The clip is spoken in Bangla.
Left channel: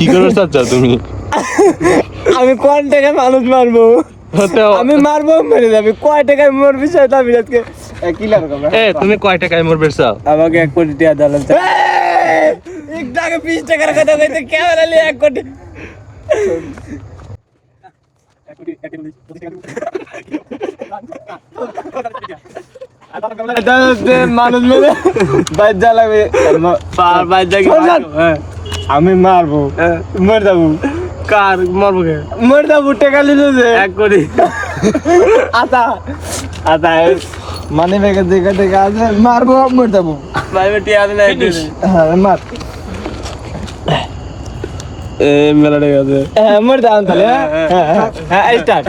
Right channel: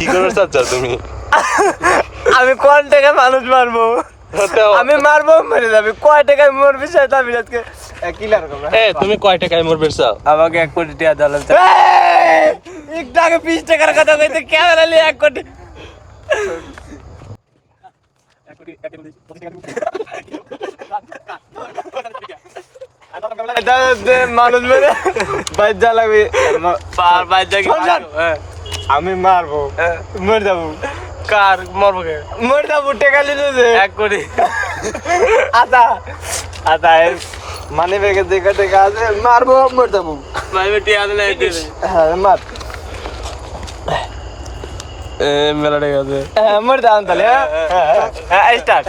কি করবে চাচ্ছ তুমি? আমি কোন টাকা মানুষ মারবো? আমি মারবো মরে যাবে। কয় টাকায় মরবি সেটা আমি আজকে কিলার করব। তুমি কয় টাকায় মরবে চাও? আমাকে 1 কোটি টাকা দালাল চাই। একটাকে 20 টাকার কথা কইতে ক্যামেরা নিয়ে 1 কোটি। মানুষ মেরে বাজ্জা লাগবে বাজ্জা কি আমি মারবো মর যাবো কার মারবো মর যাবো টাকা নিল যে 1 কোটি আতা আতা মানে বেগে দেখে দেখে আছে মারবো মর যাবো ভাই বেটি আজ না হ্যাঁ মার মেলা ঠিক আছে মর যাও তাহলে হ্যাঁ হ্যাঁ স্টার্ট